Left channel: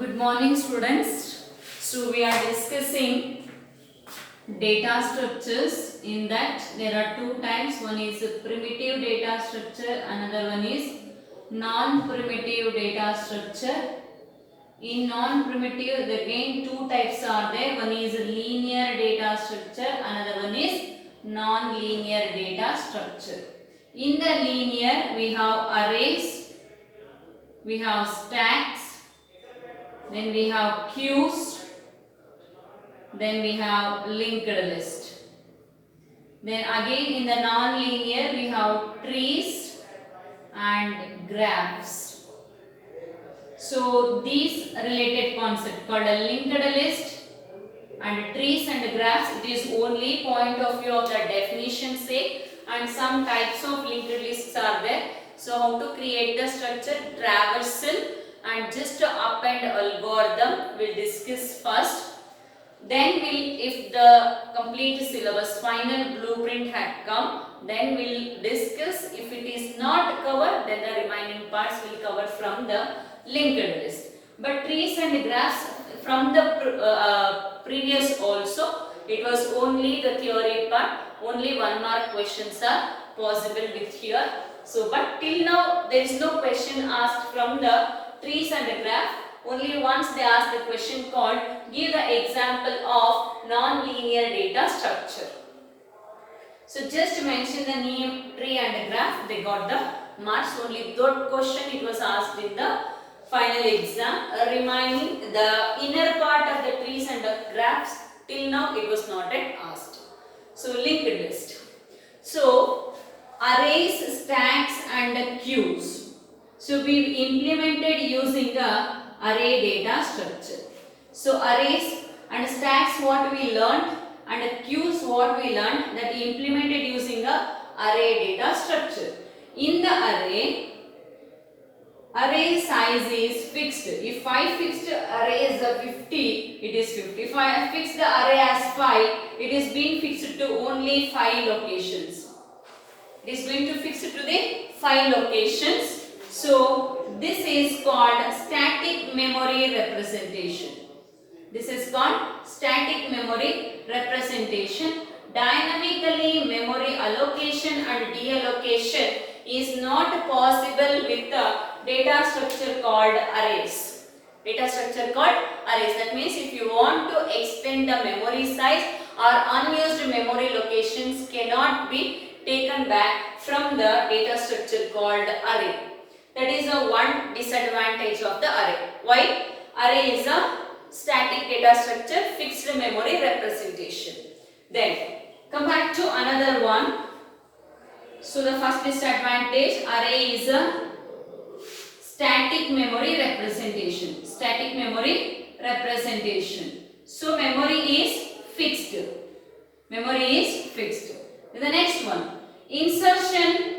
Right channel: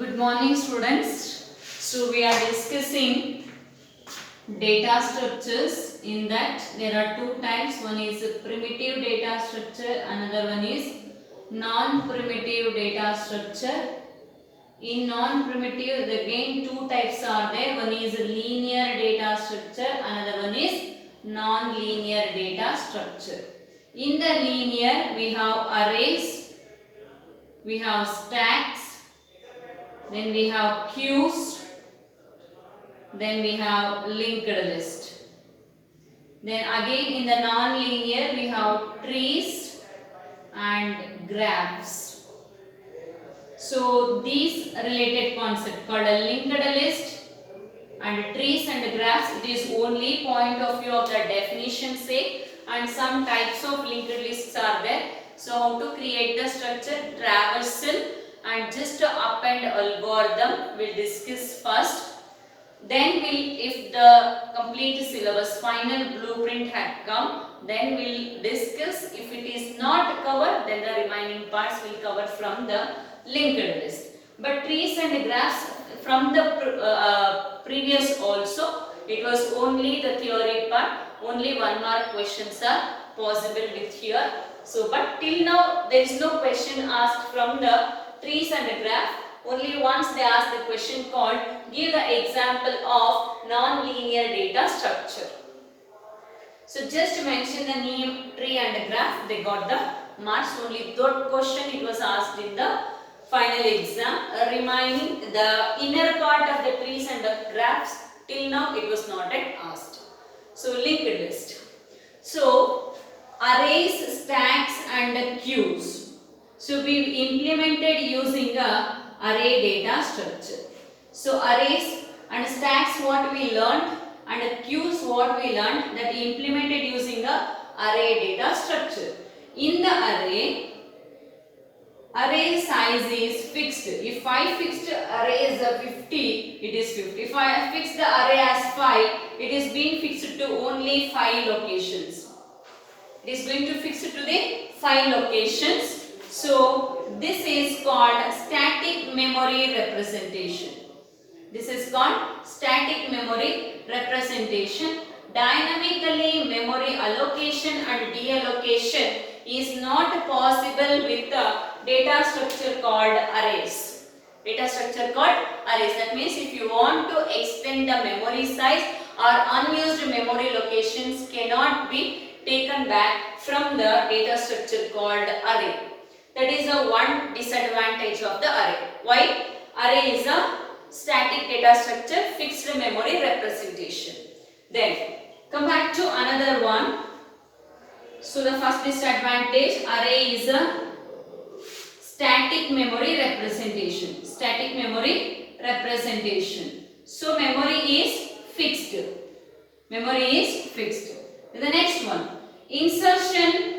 Good morning, students. So we are discussing data structures. In that there are two types. One is primitive data structure, another one is non-primitive data structure. In non-primitive, again two types are there. One is linear data structure, another one is non-linear data structure. In the linear, we have arrays, we have stacks, then we have queues, then we have linked list. Then again in the non-linear, we have trees and graphs. So these related concept called a linked list and trees and graphs, it is only point of view of the definition sake, and some types of linked lists are there. So how to create the structure, traversal and just append algorithm we'll discuss first. Then if the complete syllabus final blueprint had come, then we'll discuss. If it is not covered, then the remaining parts will cover from the linked list. But trees and graphs from the previous also, it was only the theory part. Only 1 mark questions are possible with here. So but till now there is no question asked from the trees and the graph. Only once they ask the question called give the example of non-linear data structure. So just mention the name, tree and the graph, they got the marks. Only that question it was asked in the final exam. Remaining the inner part of the trees and the graphs, till now it was not yet asked. So linked list. So arrays, stacks and queues. So we implemented using a array data structure. So arrays and stacks what we learned and queues what we learned, that implemented using a array data structure. In the array size is fixed. If I fixed array as 50, it is 50. If I fix the array as 5, it is being fixed to only 5 locations. It is going to fix it to the 5 locations. So this is called static memory representation. This is called static memory representation. Dynamically memory allocation and deallocation is not possible with the data structure called arrays. Data structure called arrays. That means if you want to extend the memory size or unused memory locations cannot be taken back from the data structure called array. That is the one disadvantage of the array. Why? Array is a static data structure, fixed memory representation. Then come back to another one. So the first disadvantage, array is a static memory representation. Static memory representation. So memory is fixed. Memory is fixed. The next one, insertion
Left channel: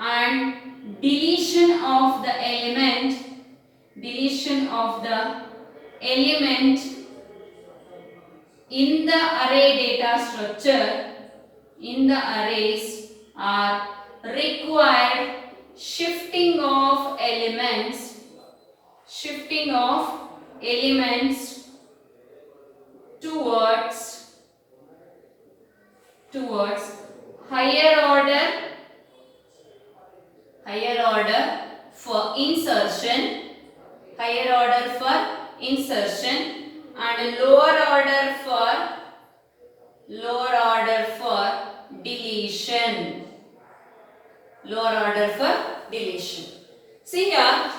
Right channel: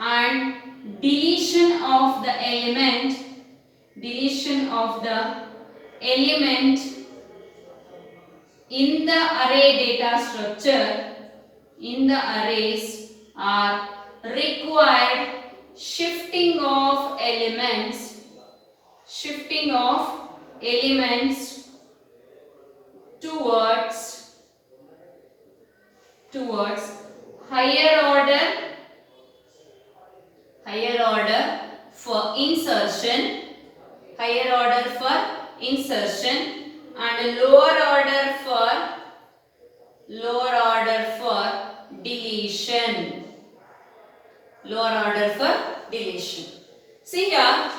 and deletion of the element. Deletion of the element in the array data structure, in the arrays are required. Shifting of elements towards higher order for insertion, and lower order for deletion. See here,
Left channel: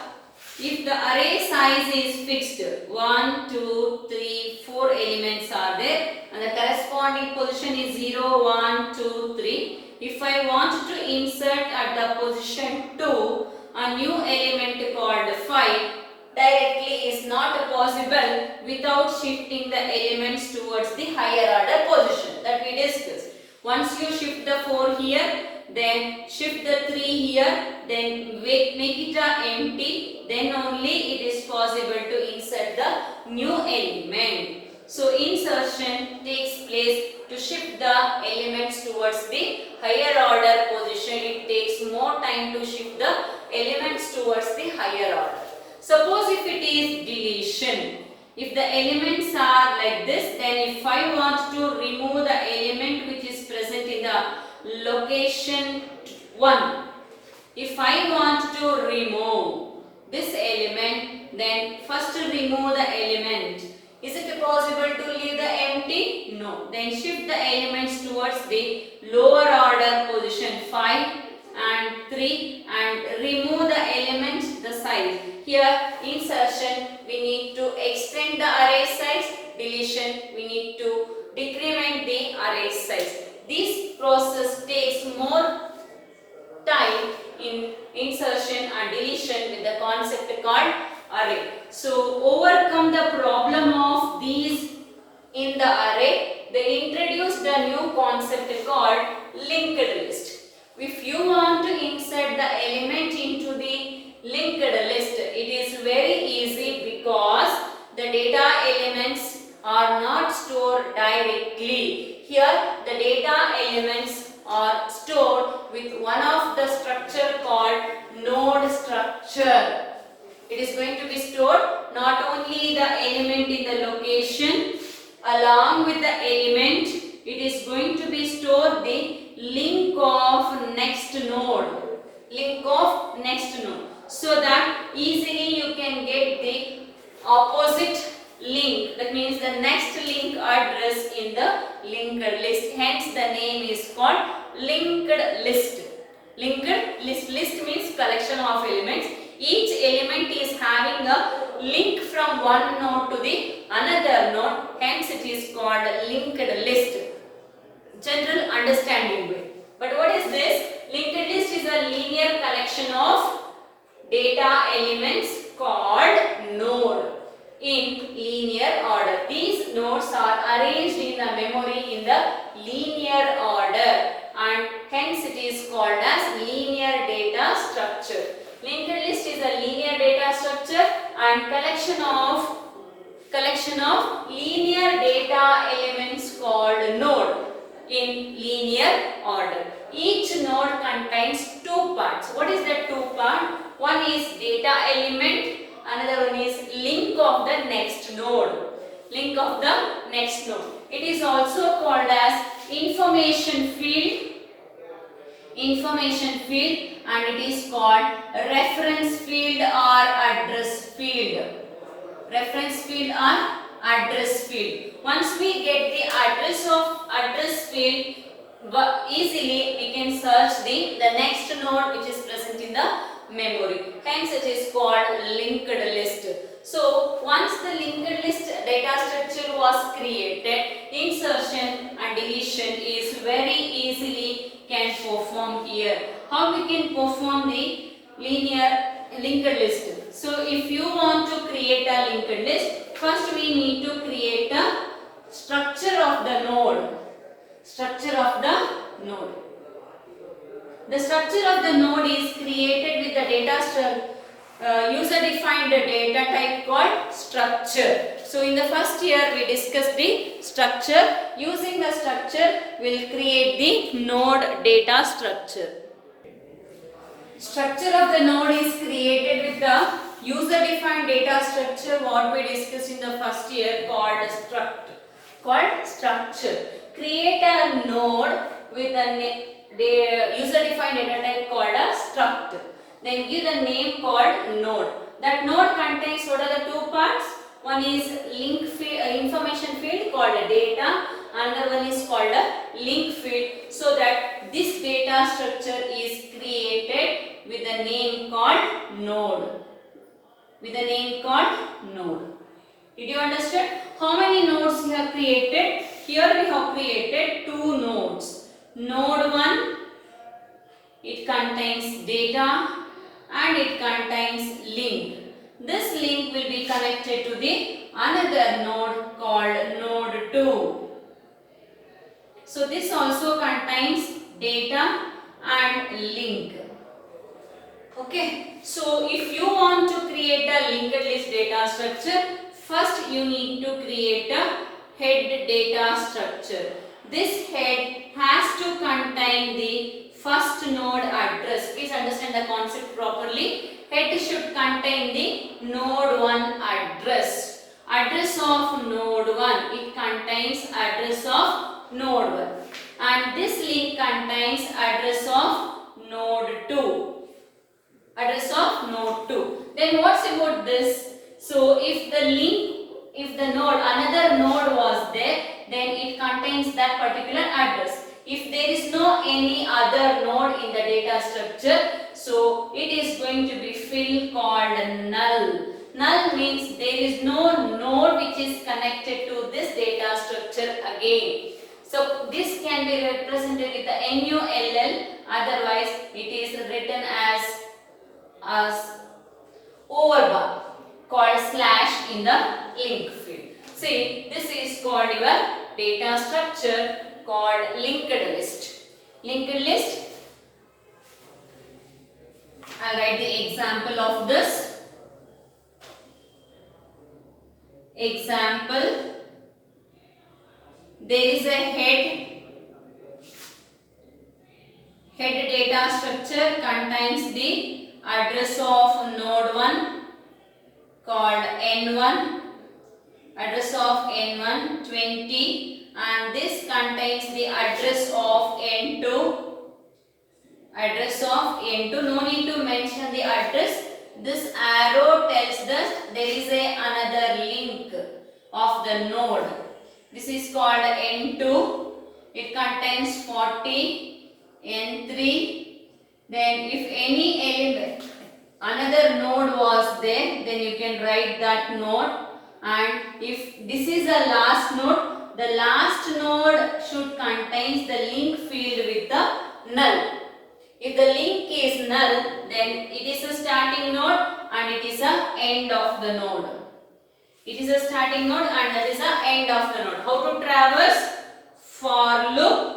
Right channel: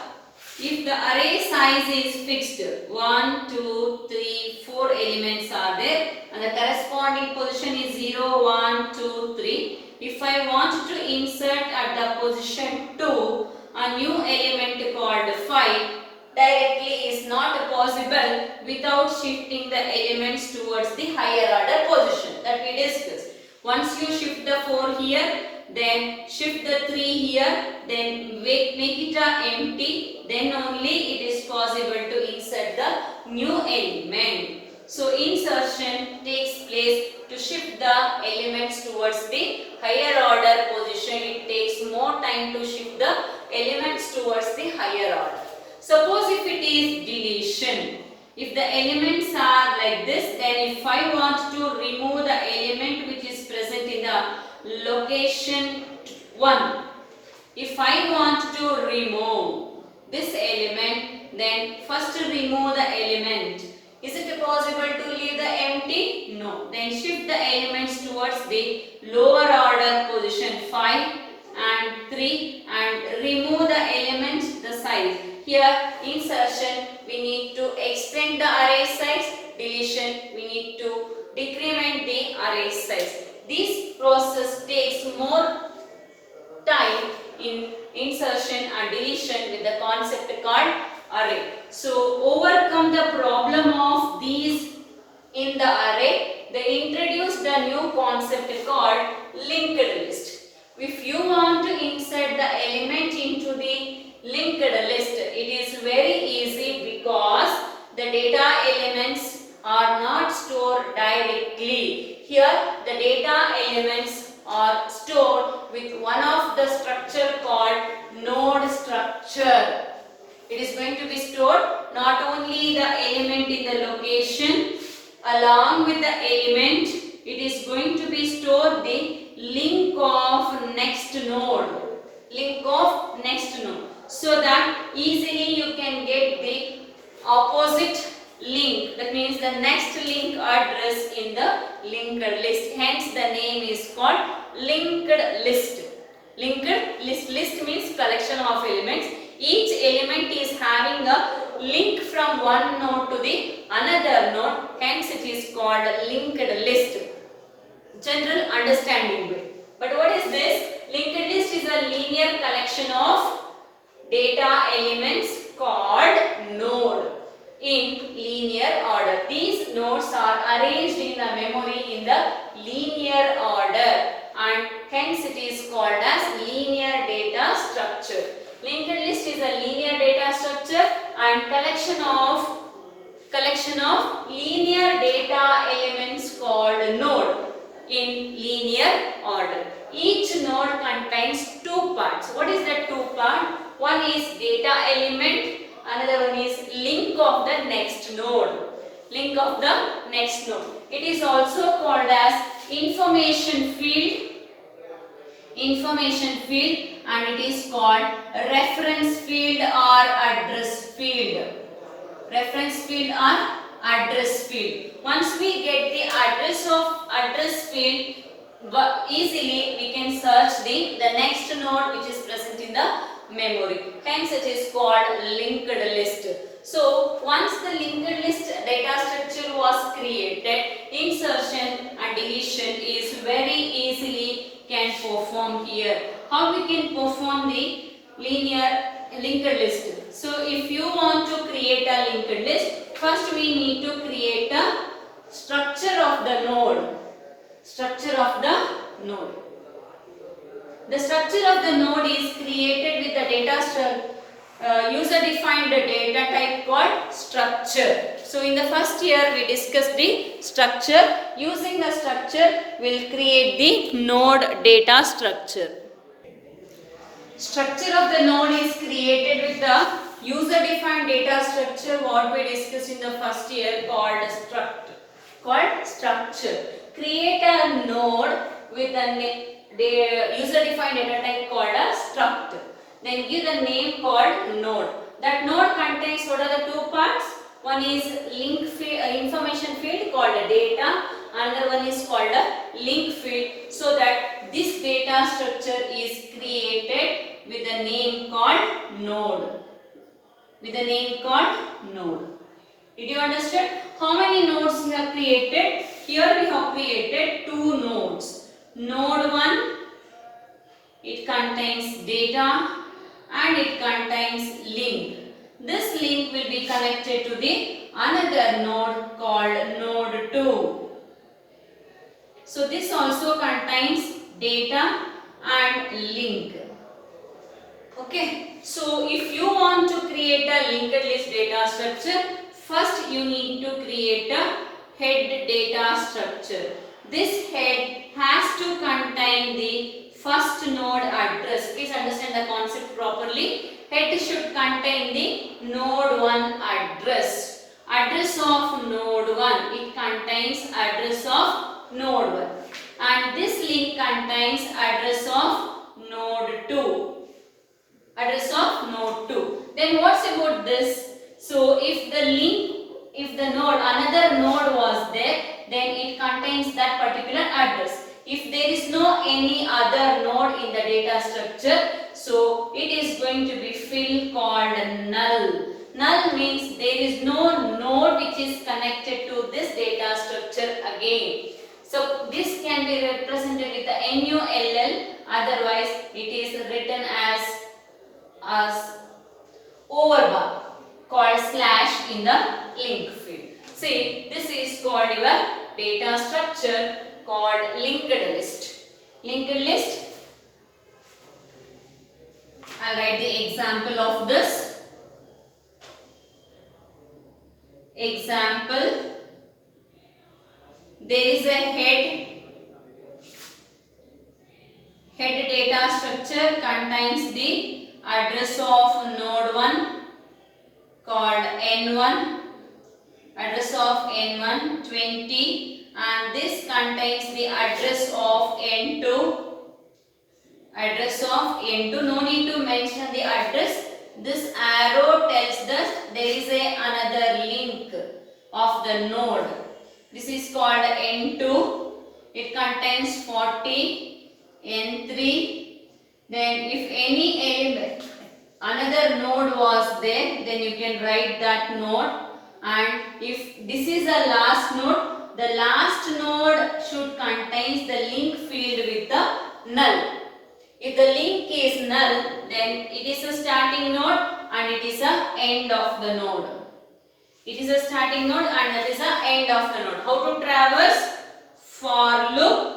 if the array size is fixed, 1, 2, 3, 4 elements are there and the corresponding position is 0, 1, 2, 3. If I want to insert at the position 2 a new element called 5, directly is not possible without shifting the elements towards the higher order position that we discussed. Once you shift the 4 here, then shift the 3 here, then make it empty, then only it is possible to insert the new element. So insertion takes place to shift the elements towards the higher order position. It takes more time to shift the elements towards the higher order. Suppose if it is deletion, if the elements are like this, then if I want to remove the element which is present in the location 1, if I want to remove this element, then first remove the element. Is it possible to leave the empty? No. Then shift the elements towards the lower order position 5 and 3 and remove the element, the size. Here insertion, we need to extend the array size. Deletion, we need to decrement the array size. This process takes more time in insertion and deletion with the concept called array. So overcome the problem of these in the array, they introduced the new concept called linked list. If you want to insert the element into the linked list, it is very easy because the data elements are not stored directly. Here the data elements are stored with one of the structure called node structure. It is going to be stored not only the element in the location, along with the element, it is going to be stored the link of next node. Link of next node. So that easily you can get the opposite link. That means the next link address in the linked list. Hence the name is called linked list. Linked list. List means collection of elements. Each element is having a link from one node to the another node. Hence it is called linked list. General understanding way. But what is this? Linked list is a linear collection of data elements called node in linear order. These nodes are arranged in the memory in the linear order and hence it is called as linear data structure. Linked list is a linear data structure and collection of linear data elements called node in linear order. Each node contains two parts. What is the two part? One is data element, another one is link of the next node. Link of the next node. It is also called as information field. Information field, and it is called reference field or address field. Reference field or address field. Once we get the address field, easily we can search the next node which is present in the memory. Hence it is called linked list. So once the linked list data structure was created, insertion and deletion is very easily can perform here. How we can perform the linear linked list? So if you want to create a linked list, first we need to create a structure of the node. Structure of the node. The structure of the node is created with the data user-defined data type called structure. So in the first year we discussed the structure. Using the structure we will create the node data structure. Structure of the node is created with the user-defined data structure what we discussed in the first year called structure. Create a node with a user-defined data type called a struct. Then give a name called node. That node contains what are the two parts? One is link field, information field called data. Another one is called a link field. So that this data structure is created with a name called node. With a name called node. Did you understand? How many nodes we have created? Here we have created two nodes. Node 1, it contains data and it contains link. This link will be connected to the another node called node 2. So this also contains data and link. Okay. So if you want to create a linked list data structure, first you need to create a head data structure. This head has to contain the first node address. Please understand the concept properly. Head should contain the node 1 address. Address of node 1. It contains address of node 1. And this link contains address of node 2. Address of node 2. Then what's about this? So if the link, if the node, another node was there, then it contains that particular address. If there is no any other node in the data structure, so it is going to be field called null. Null means there is no node which is connected to this data structure again. So this can be represented with the NULL, otherwise it is written as overbar called slash in the link field. See, this is called your data structure called linked list. Linked list, I'll write the example of this. Example, there is a head data structure contains the address of node 1 called N1, address of N1 20, and this contains the address of N2, address of N2. No need to mention the address. This arrow tells that there is another link of the node. This is called N2. It contains 40, N3. Then if any element, another node was there, then you can write that node. And if this is the last node, the last node should contain the link field with the null. If the link is null, then it is a starting node and it is a end of the node. It is a starting node and it is a end of the node. How to traverse? For loop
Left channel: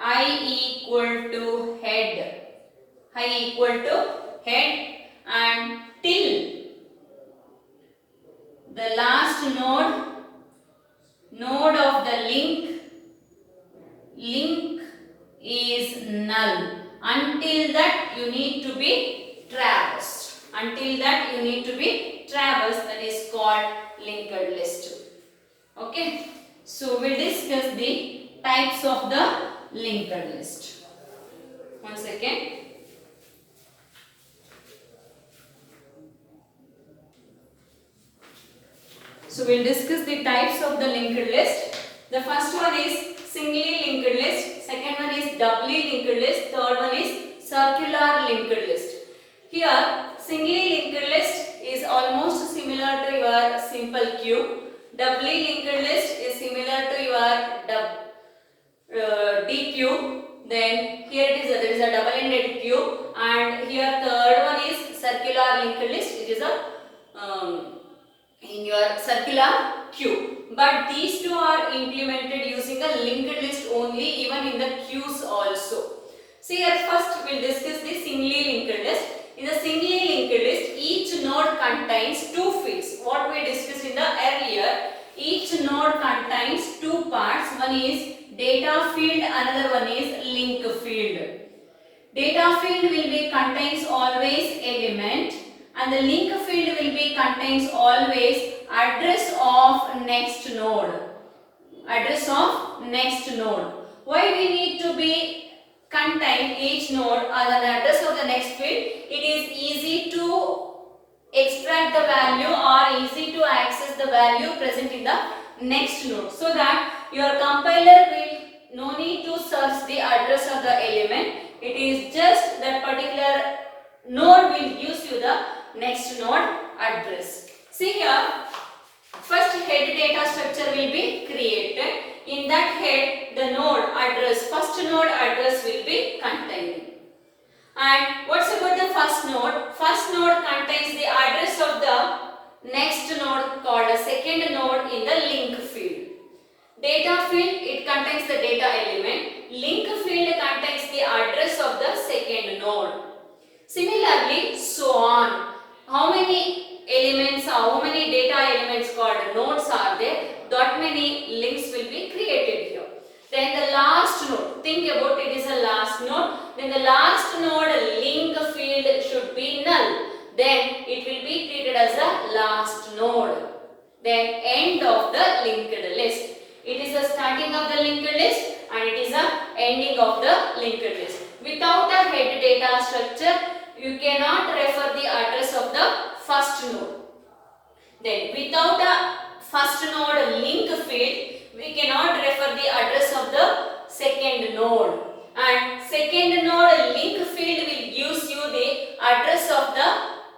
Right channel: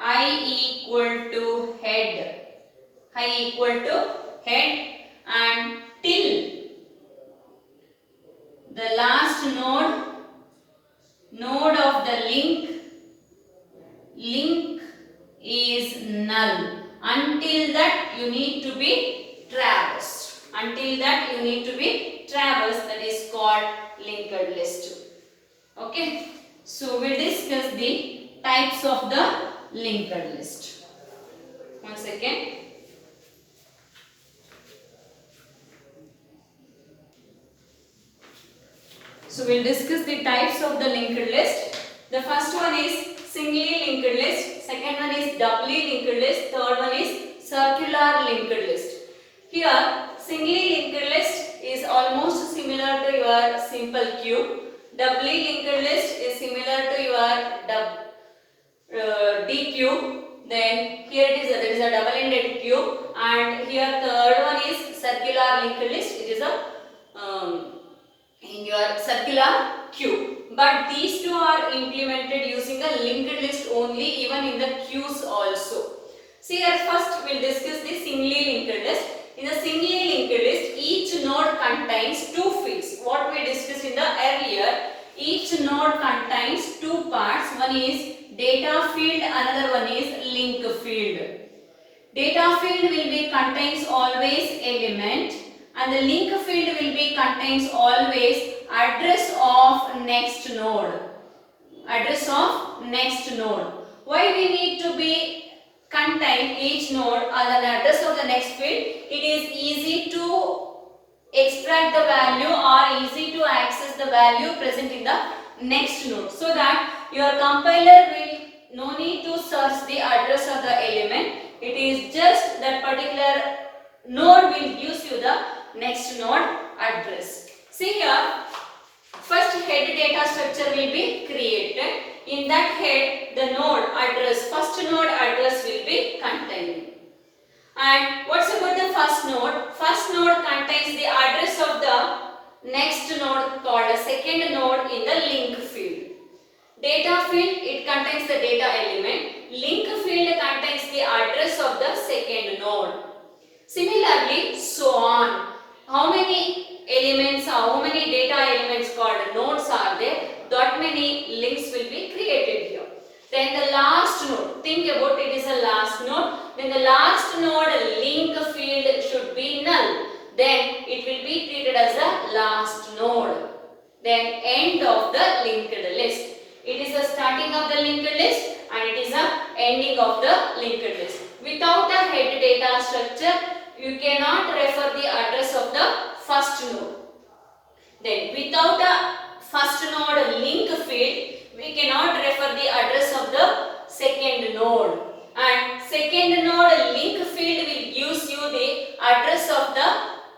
I equal to head. I equal to head and till the last node of the link is null. Until that you need to be traversed. Until that you need to be traversed, that is called linked list. Okay. So we discuss the types of the linked list. One second. So we'll discuss the types of the linked list. The first one is singly linked list, second one is doubly linked list, third one is circular linked list. Here singly linked list is almost similar to your simple queue. Doubly linked list is similar to your DQ. Then here there is a double-ended queue, and here third one is circular linked list. It is a in your circular queue. But these two are implemented using a linked list only, even in the queues also. See here, first we will discuss the singly linked list. In the singly linked list, each node contains two fields. What we discussed in the earlier, each node contains two parts. One is data field, another one is link field. Data field will be contains always element, and the link field will be contains always address of next node. Address of next node. Why we need to be contain each node as an address of the next field? It is easy to extract the value or easy to access the value present in the next node, so that your compiler will no need to search the address of the element. It is just that particular node will gives you the next node address. See here, first head data structure will be created. In that head, the node address, first node address will be contained. And what's about the first node? First node contains the address of the next node called a second node in the link field. Data field, it contains the data element. Link field contains the address of the second node. Similarly, so on. How many elements, how many data elements called nodes are there? That many links will be created here. Then the last node, think about it is a last node. Then the last node link field should be null. it will be treated as the last node. Then end of the linked list. It is the starting of the linked list and it is the ending of the linked list. Without a head data structure, you cannot refer the address of the first node. Then without a first node link field, we cannot refer the address of the second node. And second node link field will gives you the address of the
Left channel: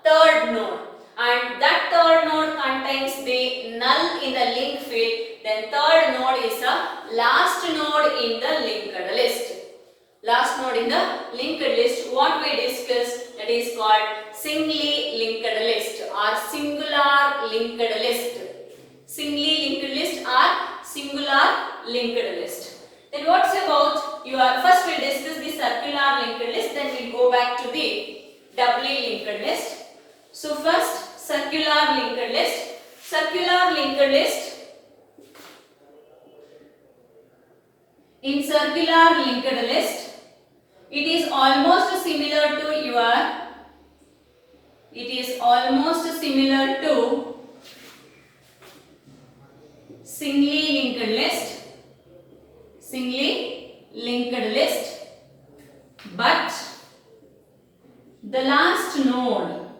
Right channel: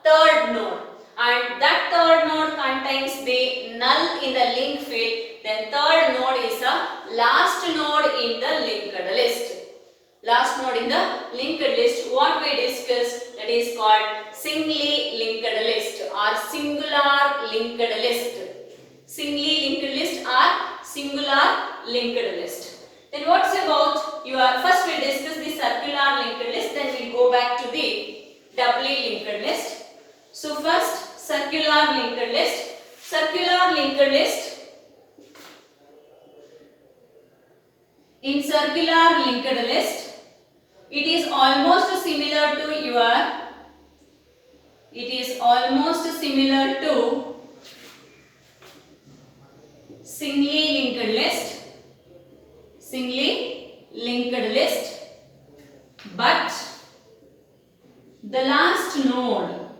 third node. And that third node contains the null in the link field. Then third node is a last node in the linked list. Last node in the linked list, what we discussed, that is called singly linked list or singular linked list. Singly linked list or singular linked list. Then what's about your, first we'll discuss the circular linked list, then we'll go back to the doubly linked list. So first circular linked list. Circular linked list. In circular linked list, it is almost similar to your, singly linked list, but the last node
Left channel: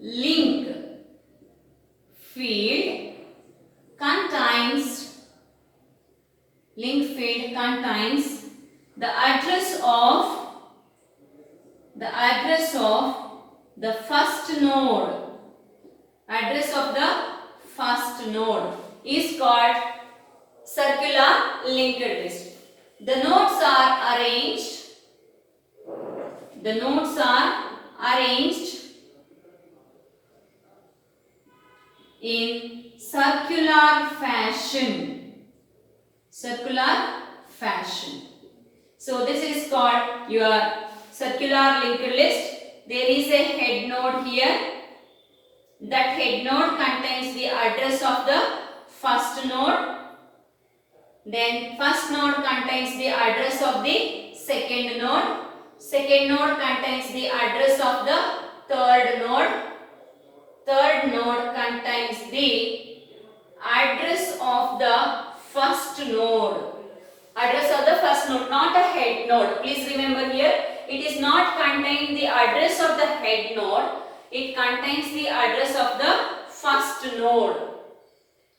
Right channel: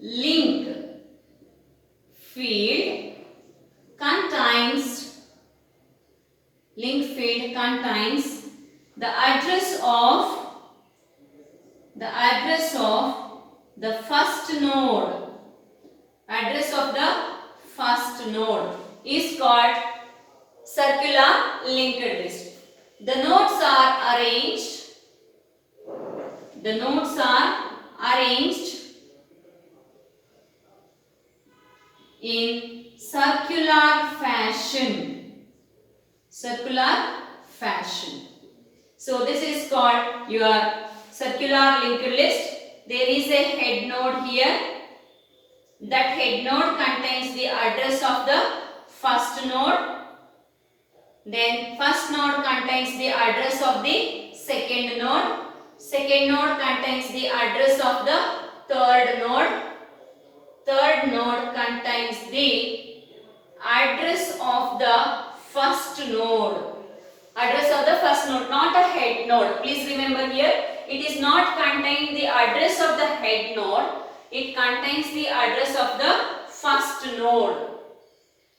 link field contains the address of the first node. Address of the first node is called circular linked list. The nodes are arranged in circular fashion. So this is called your circular linked list. There is a head node here. That head node contains the address of the first node. Then first node contains the address of the second node. Second node contains the address of the third node. Third node contains the address of the first node. Address of the first node, not a head node. Please remember here, it is not contain the address of the head node. It contains the address of the first node.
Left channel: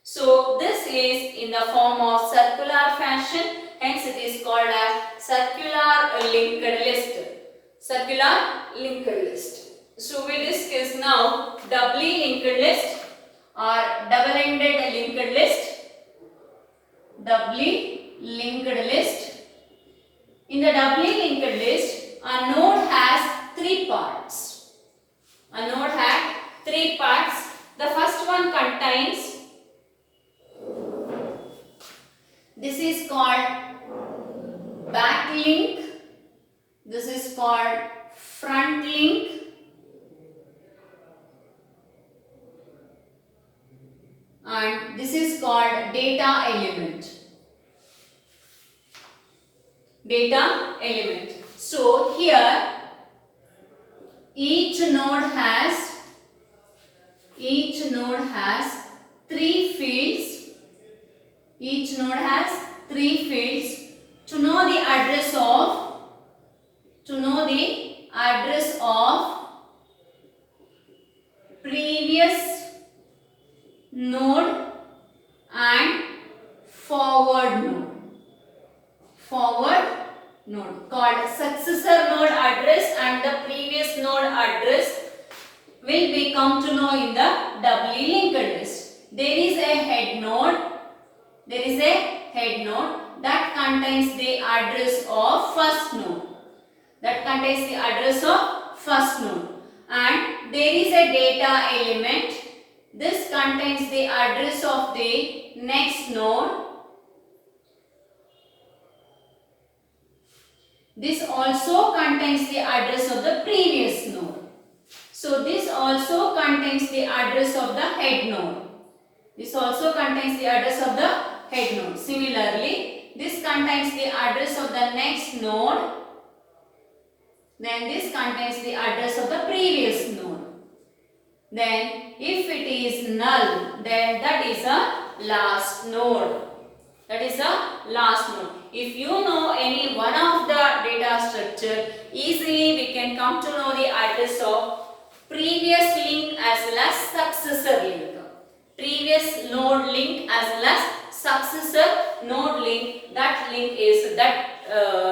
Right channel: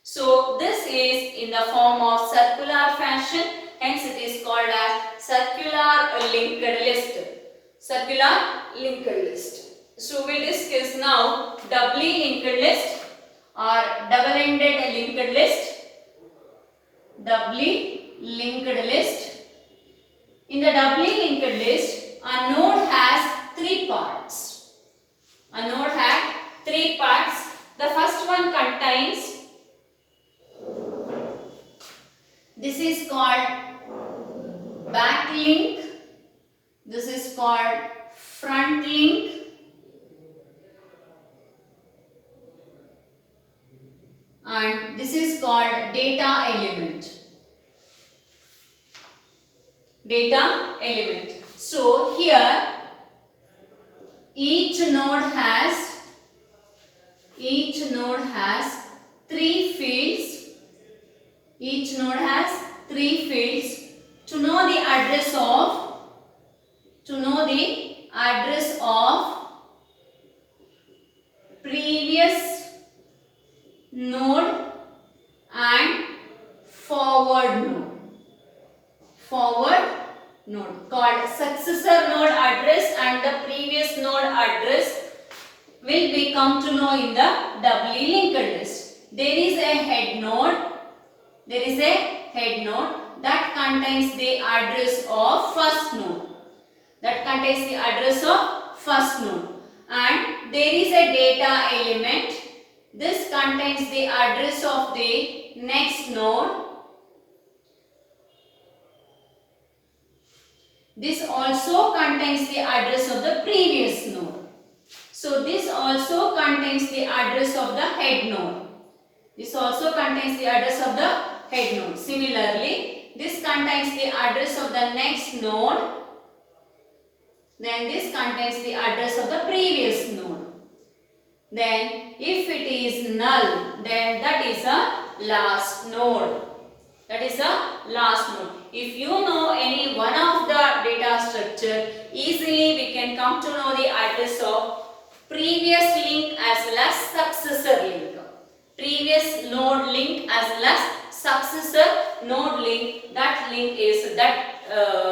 So this is in the form of circular fashion. Hence it is called as circular linked list. Circular linked list. So we discuss now doubly linked list or double-ended linked list. Doubly linked list. In the doubly linked list, a node has three parts. The first one contains, this is called back link, this is called front link, and this is called data element. So here each node has three fields. Each node has three fields. To know the address of previous node and forward node called successor node address and the previous node address will become to know in the doubly linked list. There is a head node that contains the address of first node. And there is a data element. This contains the address of the next node. This also contains the address of the previous node. So this also contains the address of the head node. Similarly, this contains the address of the next node. then this contains the address of the previous node. Then if it is null, then that is a last node. That is a last node. If you know any one of the data structure, easily we can come to know the address of previous link as well as successor link. Previous node link as well as successor node link. That link is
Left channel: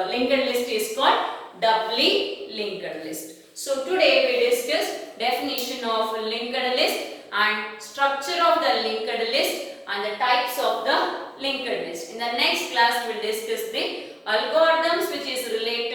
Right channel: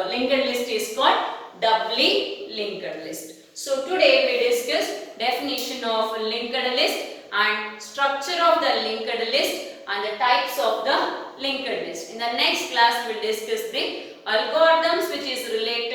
linked list is called doubly linked list. So today we discussed definition of linked list and structure of the linked list and the types of the linked list. In the next class we will discuss the algorithms which is related